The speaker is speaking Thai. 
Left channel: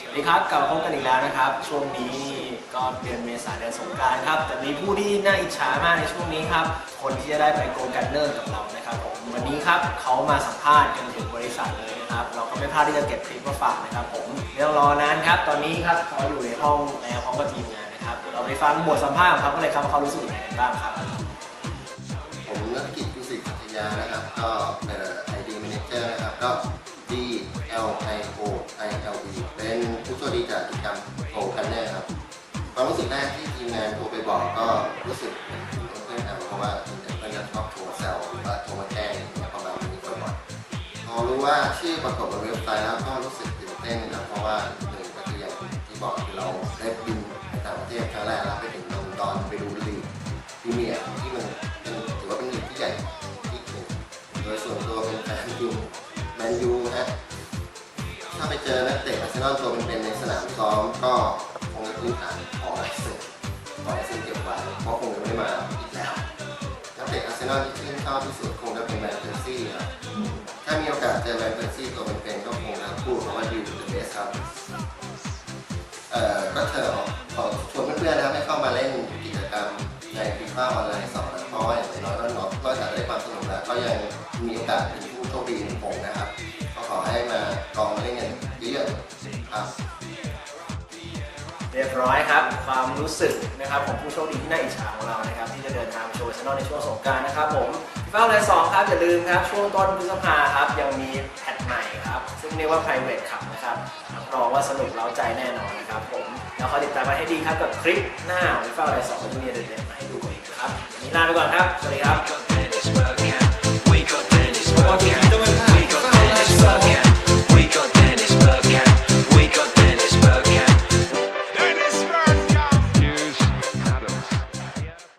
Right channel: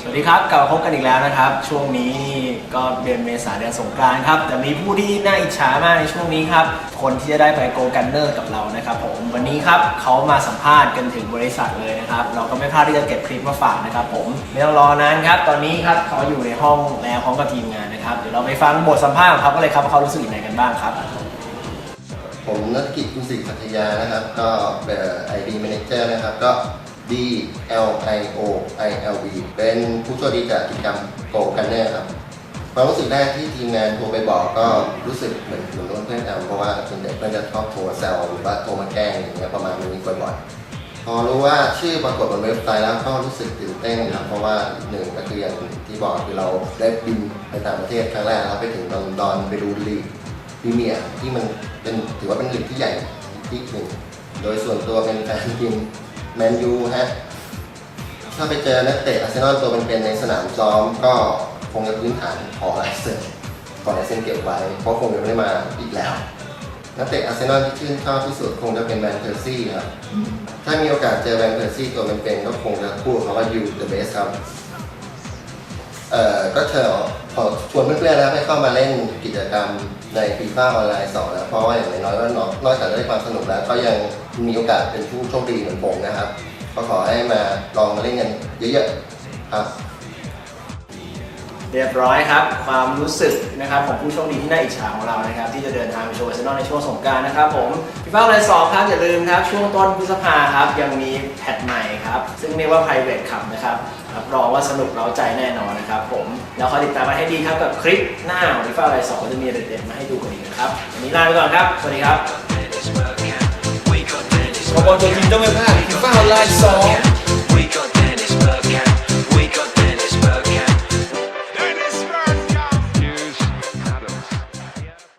สวัสดีครับกลับมาพบกันอีกแล้วนะครับ ช่วงนี้นี่ก็เดือนเมษาเดือนสงกรานต์ครับ แต่มีผู้ที่น่าอิจฉามากในช่วงนี้ครับ คนที่จะได้ไปโกลกนเนอร์กับเรานะครับผมวันนี้ครับเขามาสัมภาษณ์กันถึงบริษัทเลยนะครับ เราก็ไม่พลาดที่จะเก็บคลิปมาฝากนะครับผมไม่ต้องรอนานครับ ตอนนี้ครับเขาอยู่ในห้องแล้วพร้อมกับทีมงานนะครับเดี๋ยวเราไปฟังบทสัมภาษณ์ของเขาเลยครับว่าเขารู้สึกอย่างไรกันบ้างครับ ผมนักกิจกุศิพัทยานะครับ ก็เป็น ID Manager นะครับ ก็ D L I O I L B เป็นผู้ช่วยดีจากกิจกรรมโกกันเนอร์ครับความรู้สึกแรกที่ทีมงานโทรไปบอกก็รู้สึกเหมือนเหมือนเพื่อนแอลเพราะว่าส่วนใหญ่เพื่อนจะชอบโทรแซวหรือว่าโทรมาแกล้งอย่างเงี้ยประมาณนี้บ่อยๆพอรู้ว่าชื่อปรากฏบนเว็บไซต์แล้วก็รู้สึกตื่นเต้นครับเพราะว่าหนึ่งก็คืออย่างที่บอกคือเราได้บินไปต่างประเทศครั้งแรกเราไปถึงลอนดอนไปดูลีก รีเมียร์ที่มันเป็นถือว่าเป็นลีกที่ใหญ่ที่หนึ่งโดยส่วนตัวเป็นแฟนทีมแมนยูฮะถ้าไปเจอนักเตะอาร์เซนอลตัวเป็นๆในสนามซ้อมก็คงจะพื้นฐานขอลายเซ็นขอลายเซ็นเก็บไว้เพราะคงจะไม่มาอีกแล้วนักเตะอาร์เซนอลที่ชื่นชอบที่สุดคงจะเป็นแวนเพอร์ซี่ครับถ้ามีโอกาสเจอแวนเพอร์ซี่ตัวเป็นๆก็คงจะพูดคำว่า you the best ครับเอ่อ ก็เชิญขอชวนเพื่อนๆนะครับให้เข้ามาเล่นกิจกรรมในฟีฟ่าออนไลน์สองนะเพราะว่าอย่างน้อยๆก็นอกนอกจากได้ความสนุกแล้ว ก็ยังมีโอกาสเป็นผู้โชคดีเหมือนผมนะครับ ก็ขอให้มาลองมาเล่นกันเยอะๆครับ เรียบร้อยครับ ความรู้สึกนะครับของผู้โชคดีที่น่าอิจฉาของเรานะครับ ที่จะเดินทางไปโชว์อเซนอลในช่วงสงการนะครับผมฟีฟ่าไลน์สองครับ อย่าลืมครับ ช่วงต้นพฤษภาครับ ยังมีแพทใหม่ครับ ซึ่งเรียกว่า private ขับนะครับรับรองว่าสนุกเร้าใจแน่นอนนะครับผม แล้วคอยติดตามมาให้ดีครับกับคลิปหน้าของฟีฟ่าไลน์สองจะมีเด็ดๆมาให้ดูกันอีกนะครับวันนี้ลาไปก่อนครับ สวัสดีครับ